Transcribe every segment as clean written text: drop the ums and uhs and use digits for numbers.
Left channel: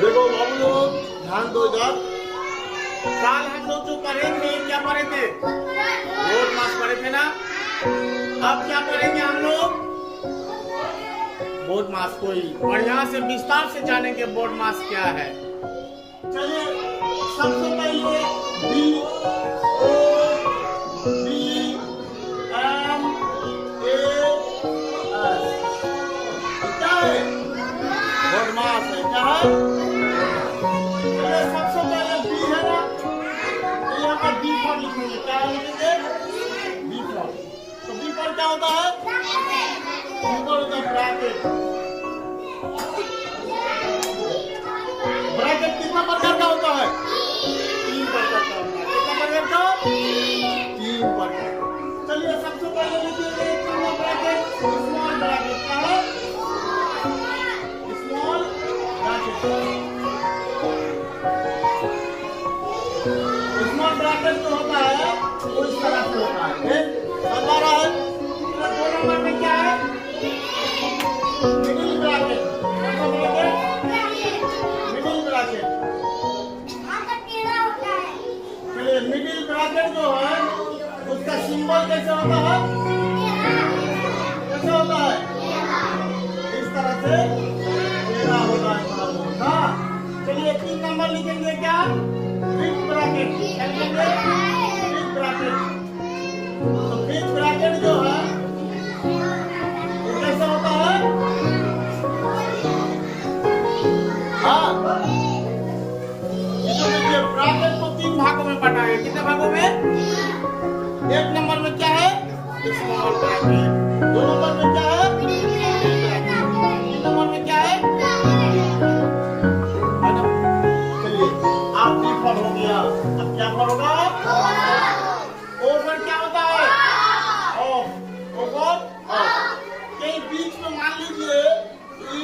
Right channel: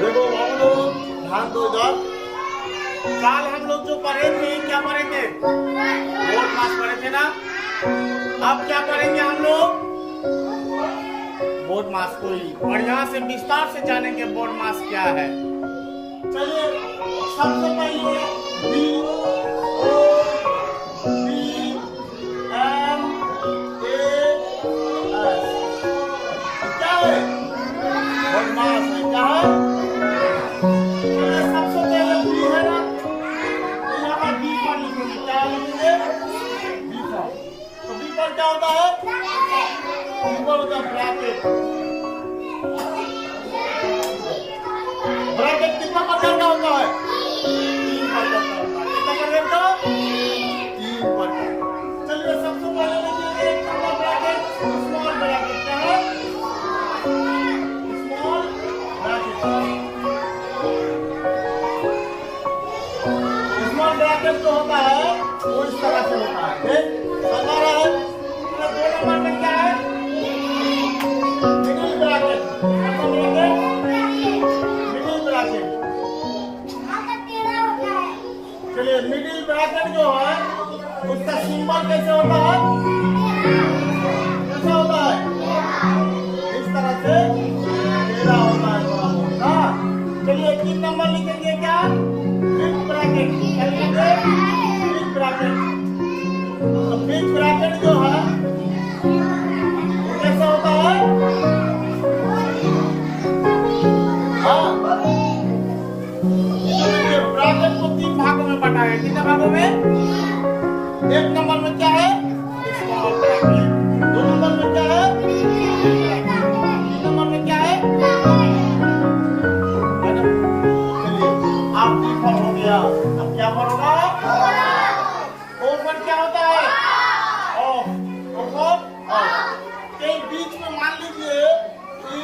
देखो हम लोग ध्यान दो इधर। काल हम लोग जो पढ़े थे, क्या पढ़े थे? बोर्ड मास पढ़े थे ना। अब क्या पढ़ेंगे हम लोग? बोर्ड मास को ही बढ़िया से विस्तार से जानेंगे बोर्ड मास क्या है। चलिए सबसे पहले B O B M A S क्या है? बोर्ड मास है। क्या है? सबसे पहले बी है ना, तो यहाँ पर बी पर लिखेंगे। क्या लिखेंगे? बी पर। तो बी पर क्या होता है? बी पर होता है ब्रैकेट। ब्रैकेट कितना प्रकार का होता है? 3 प्रकार का होता है। कितना प्रकार का? 3 प्रकार। चलिए सबसे पहले लिखिए एक नंबर ब्रैकेट, स्मॉल ब्रैकेट। क्या है? Small bracket. स्मॉल ब्रैकेट जो होता है वो इस तरह से होता है। समझ आ रहा है? 2 नंबर में क्या है? Middle bracket. कौन ब्रैकेट? Middle bracket. चलिए मिडिल ब्रैकेट जो है उसका सिंबल कैसे होता है? कैसे होता है? इस तरह से टेढ़ा होता है थोड़ा बहुत ना। चलिए 3 नंबर लिखेंगे क्या? Big bracket. क्या लिखेंगे? Big bracket. तो बिग ब्रैकेट जो है वो कैसा होता है? हाँ, ब्रैकेट को 3 भागों में बटा है। कितने भागों में? 1 नंबर में क्या है? Small bracket. 2 नंबर में क्या है? 3 नंबर में क्या है? चलिए आप बी पर हो गया। अब क्या पर होगा? ओ पर क्या होता है? ऑफ। ओ पर ऑफ। कहीं बीच में मान लीजिए कि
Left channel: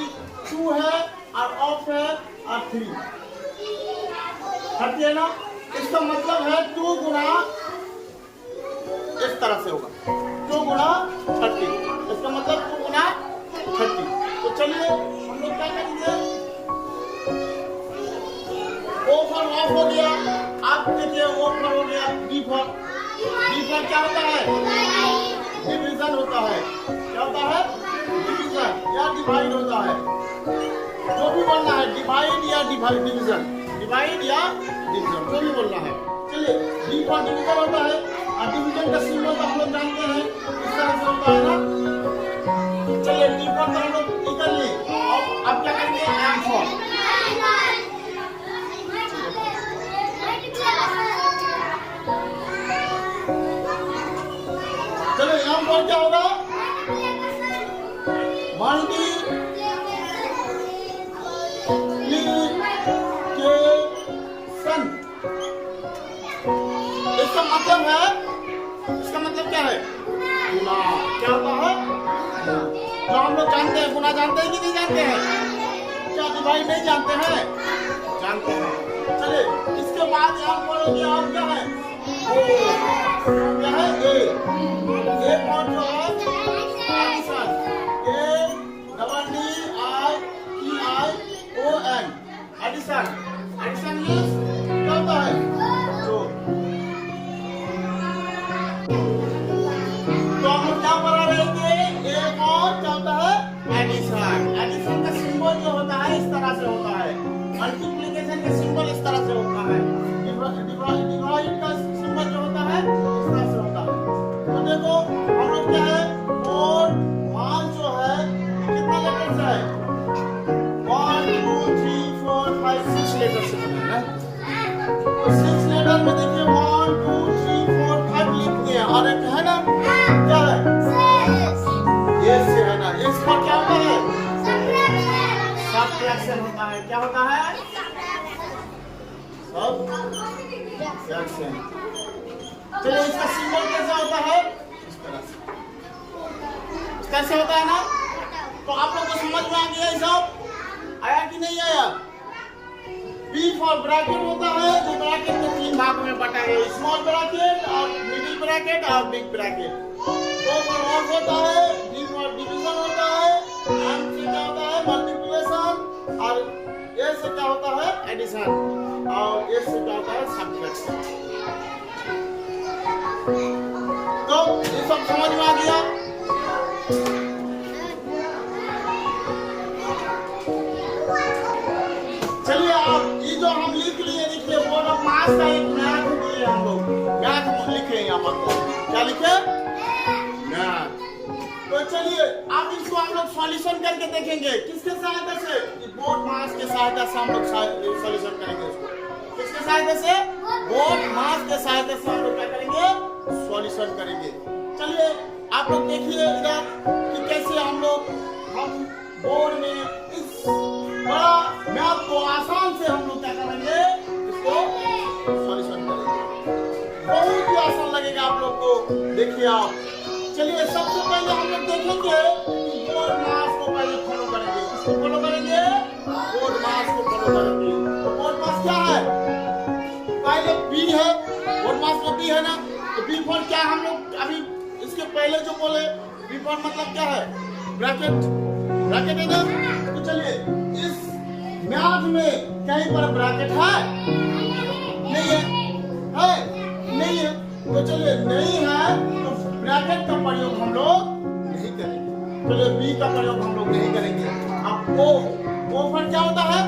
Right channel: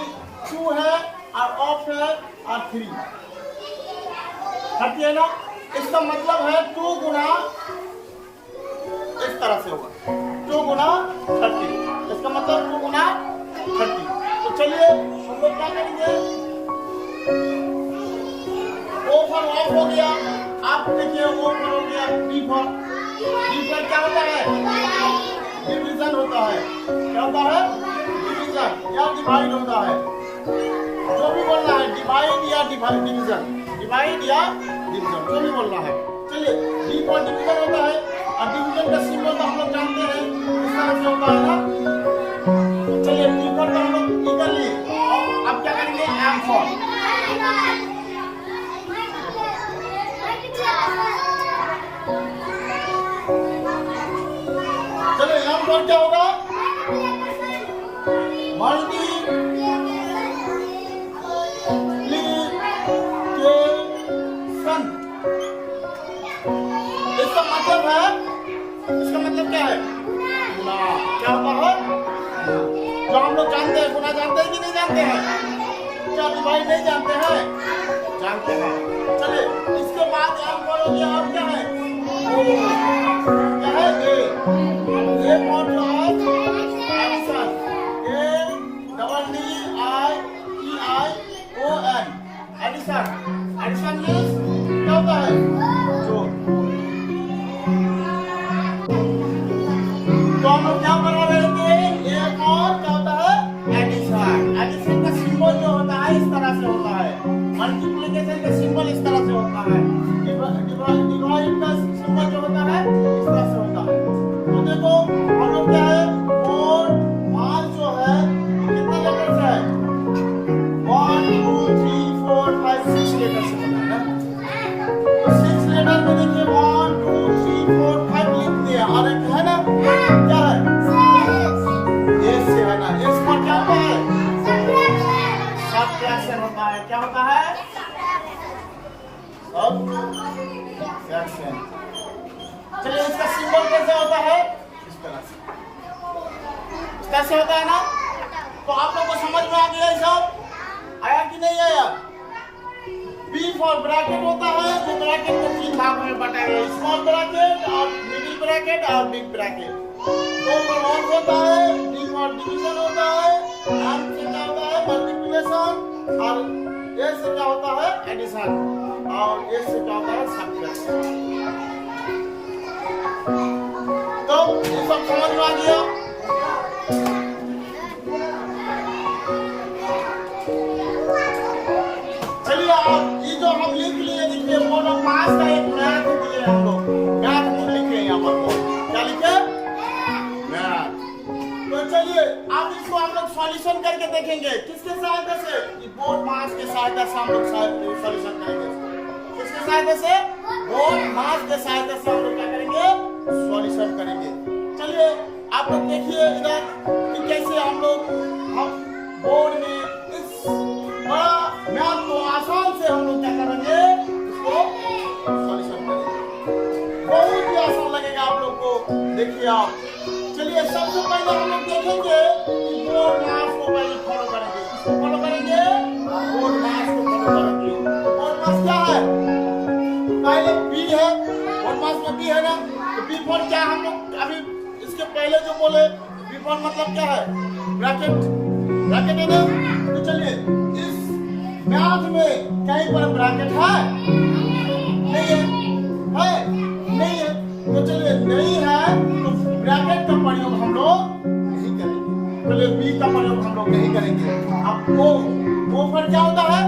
2 है और ऑफ है और 3 है ना। इसका मतलब है 2 गुना इस तरह से होगा 2 गुना 30। इसका मतलब 2 गुना 30। तो चलिए हम लोग क्या करेंगे? ओ पर ऑफ हो गया। आप देखिए ओ पर हो गया बी पर। बी पर क्या होता है? डिवीजन होता है। क्या होता है? डिवीजन या डिवाइड होता है। जो भी बोलना है, डिवाइड या डिवीजन, डिवाइड या डिवीजन, जो भी बोलना है। चलिए डी पर डिवीजन होता है और डिवीजन का सिंबल तो हम लोग जानते हैं इस तरह से होता है ना। चलिए डी पर तो हम लोग निकल लिए। अब क्या करेंगे? M for. चलो एम फॉर क्या होगा? मल्टीप्लिकेशन। इसका मतलब है, इसका मतलब क्या है? गुना। क्या होता है? जो हम लोग जानते हैं। गुना जानते हैं कि नहीं जानते हैं? क्या डिवाइड नहीं जानते हैं? जानते हैं। चलिए इसके बाद आप बोलोगे और क्या है? ओ। क्या है? A for addition. ADDION addition. Addition means क्या होता है? जोड़। तो हम लोग क्या बना रहे थे? एक और क्या होता है? एडिशन। एडिशन का सिंबल जो होता है इस तरह से होता है। मल्टीप्लिकेशन का सिंबल इस तरह से होता है। डिवाइड का सिंबल जो होता है इस तरह से होता है। तो देखो हम लोग क्या है? और मान जो है कितने लेटर से है? 1 2 3 4 5 6 लेटर से बना है। तो 6 लेटर में देखिए 1 2 3 4 5 लिख दिए और एक है ना क्या है? एस से है ना। एस पर क्या होता है? सब्ट्रैक्शन होता है। क्या होता है? सब्ट्रैक्शन। चलिए इसका सिंबल कैसे होता है? इस तरह से। कैसे होता है ना। तो आप लोगों को समझ में आ गया ये सब? आया कि नहीं आया? बी फॉर ब्रैकेट होता है जो ब्रैकेट को 3 भागों में बटा है। स्मॉल ब्रैकेट और मिडिल ब्रैकेट और बिग ब्रैकेट। 2 पर ऑफ होता है। डी फॉर डिवीजन होता है। एम से क्या होता है? मल्टीप्लिकेशन। और ए से क्या होता है एडिशन, और ए से क्या होता है सब्ट्रैक्शन। तो ये सब समझ में आ गया। चलिए अब ये जो हम लिख लिए, देखिए वो लोग मास का एक मैथ दिए, हम लोग मैथ लिखे यहाँ पर। क्या लिखे? मैथ। तो चलिए अब इसको हम लोग सॉल्यूशन करके देखेंगे। किसके सहायता से? बोर्ड मास के सहायता से हम लोग सॉल्यूशन करेंगे इसको। किसके सहायता से? बोर्ड मास के सहायता से हम लोग क्या करेंगे? सॉल्यूशन करेंगे। चलिए आप लोग देखिए इधर कि कैसे हम बोर्ड में इस बड़ा मैथ को आसान से हम लोग क्या करेंगे? इसको सॉल्यूशन करेंगे। बहुत ही आसान लगेगा आप लोग को। देखिए आप, चलिए सबसे पहले हम लोग देखेंगे कि बोर्ड मास को पहले फॉलो करेंगे। किसको फॉलो करेंगे? बोर्ड मास को फॉलो करेंगे। तो बोर्ड मास क्या है? पहले बी है, बोर्ड मास में बी है ना, तो बी फॉर क्या है? हम लोग अभी इसके पहले जो बोले बी फॉर मतलब क्या है? ब्रैकेट, ब्रैकेट है ना। तो चलिए इस मैथ में कहीं पर ब्रैकेट है? नहीं है, है? नहीं है। तो चलिए नहीं है तो ब्रैकेट का प्रयोग हम लोग नहीं करेंगे। चलिए बी का प्रयोग हम लोग नहीं करेंगे। अब ओ पर क्या होता है?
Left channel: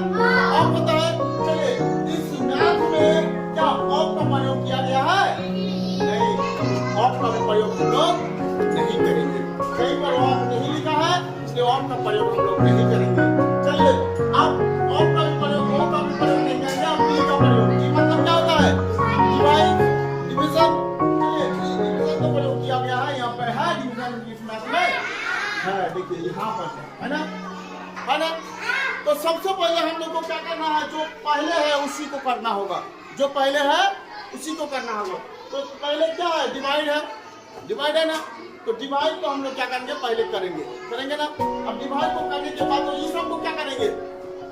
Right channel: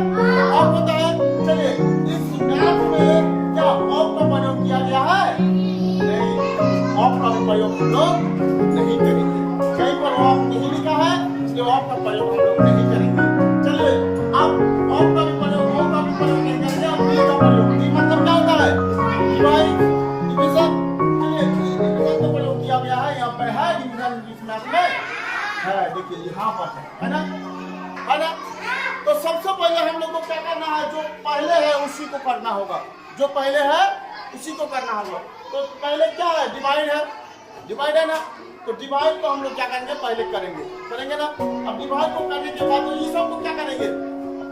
ऑफ होता है। चलिए इस मैथ में क्या ऑफ का प्रयोग किया गया है? नहीं, ऑफ का भी प्रयोग हम लोग नहीं करेंगे। कहीं पर ऑफ नहीं लिखा है, इसलिए ऑफ का प्रयोग हम लोग नहीं करेंगे। चलिए अब ऑफ का भी प्रयोग, ओ का भी प्रयोग नहीं करेंगे। अब बी का प्रयोग, बी मतलब क्या होता है? डिवीजन। चलिए डिवीजन का प्रयोग किया गया है। यहाँ पर है डिवीजन इस मैथ में है, देखिए यहाँ पर है ना, है ना। तो सबसे पहले हम लोग को क्या करना है? जो पहले है उसी को करना होगा। जो पहले है उसी को करना होगा। तो पहले क्या है? डिवाइड है, डिवाइड है ना। तो डिवाइड को हम लोग क्या करेंगे? पहले करेंगे, करेंगे ना। अब डिवाइड को करने के बाद तो ये सब को क्या करेंगे?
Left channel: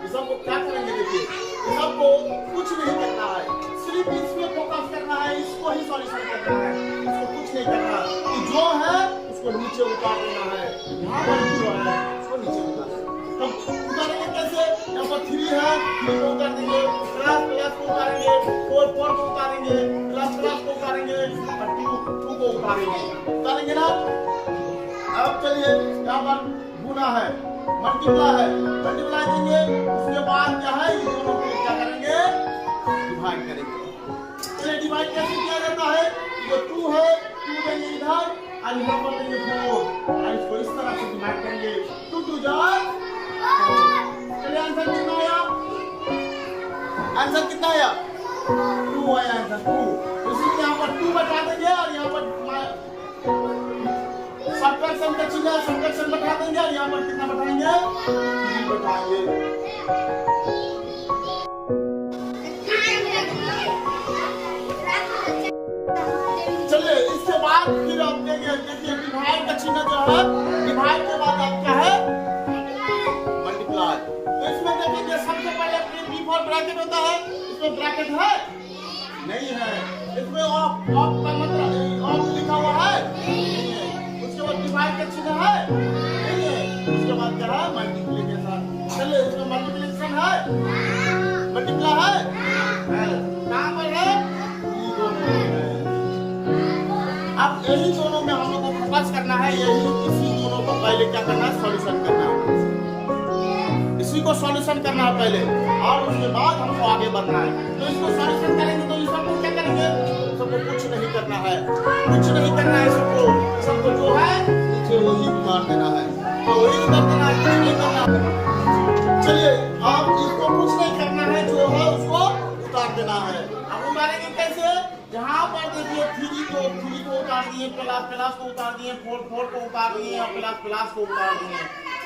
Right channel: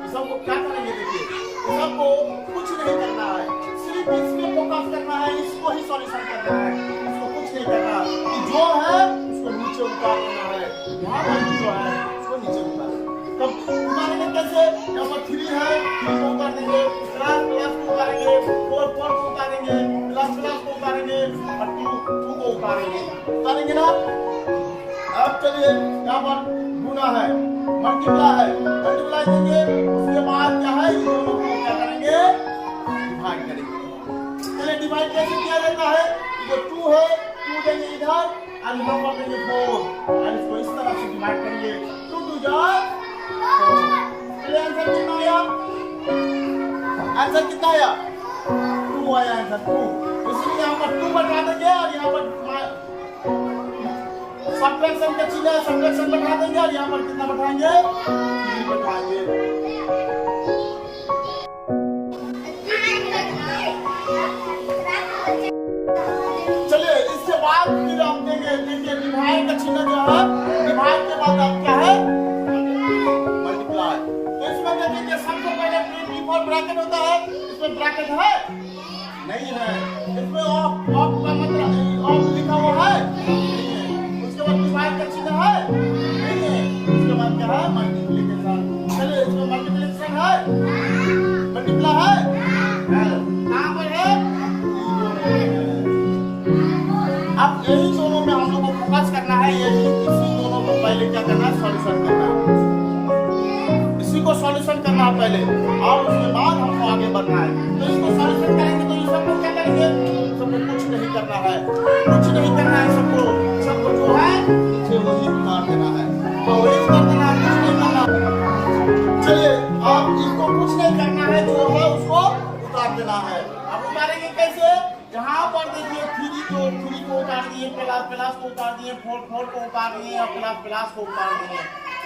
ये सब को क्या करेंगे? देखिए ये सब को कुछ नहीं करना है, सिर्फ इसमें फोकस करना है, इसको ही सॉल्यूशन करना है। इसको कुछ नहीं करना है। जो है उसको नीचे उतार देना है। यहाँ पर जो है उसको नीचे उतार देना। तो उतारेंगे कैसे? यहाँ पर 3 है, 3 को उतार देंगे, प्लस प्लस को उतारेंगे, 4 4 को उतारेंगे, प्लस प्लस को उतारेंगे, और 2 को उतारेंगे, उतारेंगे ना। अब चलिए यहाँ पर गुना है, मल्टीप्लाई है, मल्टीप्लाई देंगे। उसके बाद क्या है? इन दोनों को क्या करेंगे? डिवाइड करेंगे। चलिए डिवाइड कैसे किया जाता है? जो 2 है 2 देंगे इधर, और यहाँ पर देंगे 4, और इसको इस तरह से डिवाइड करेंगे। 2 2 जा 4। चलिए आंसर कितना आया? आंसर कितना आया? 2 आया आंसर 2। इसलिए यहाँ पर 2 बता देंगे, और यहाँ पर सब्ट्रैक्शन का चिन्ह है, सब्ट्रैक्शन बैठा देंगे, और यहाँ पर कितना बैठाएंगे? 3 बैठाएंगे। चलिए इसके बाद फिर आप देंगे, देखिए डिवाइड का चिन्ह जो है, डिवाइड के बाद आप क्या है? मल्टीप्लाई। तो इसमें देखिए सबसे पहले बी फॉर ब्रैकेट होता है, इसमें ब्रैकेट है? नहीं है। इसमें ऑफ, ऑफ का मतलब ऑफ लिखा हुआ है? नहीं है। उसके बाद डिवाइड का चिन्ह है? नहीं है। उसके बाद क्या है? मल्टीप्लिकेशन। चलिए इसमें मल्टीप्लिकेशन है, मल्टीप्लाई है? कहाँ पर है? अब यही दोनों में हम लोग को फोकस करना है। यही इसी दोनों को पहले क्या करना है? सॉल्यूशन करना है। इसी को सॉल्यूशन करना है पहले, और उसके बाद हमको आगे बढ़ना है। तो इसको सॉल्यूशन करेंगे तो ये सबको क्या करेंगे? सबको कुछ नहीं करना है, कुछ नहीं करना है। सबको सबको जो है नीचे वही उतार देना है। तो वही उतार देना है, कुछ नहीं करना। चलिए अब इसको कुछ नहीं करना है, जो है उसको उतार देना है। अब उतारेंगे कैसे? यहाँ पर देखिए 3 को उतार दिए, प्लस प्लस को उतार दिए, 4 4 को उतार दिए, और प्लस प्लस को उतार दिए।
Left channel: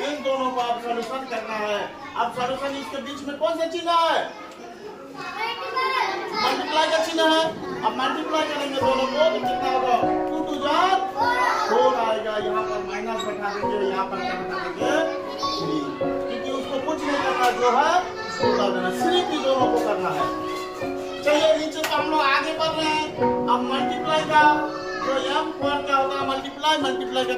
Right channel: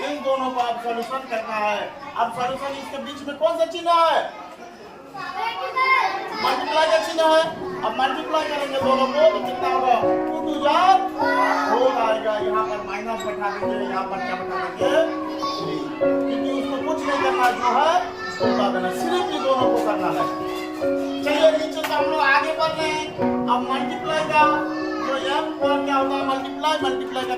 इन दोनों को अब सॉल्यूशन करना है। अब सॉल्यूशन इसके बीच में कौन सा चिन्ह है? मल्टीप्लाई का चिन्ह है। अब मल्टीप्लाई करेंगे दोनों को तो कितना होगा? 2 2 जा 4 आएगा। यहाँ पर माइनस बैठा देंगे, यहाँ पर क्या बैठा देंगे? 3, क्योंकि उसको कुछ नहीं करना, जो है उसको उतार देना। सिर्फ ये दोनों को करना है। चलिए नीचे तो हम लोग आगे बढ़ रहे हैं। अब मल्टीप्लाई का जो m पर क्या होगा? मल्टीप्लाई, मल्टीप्लाई का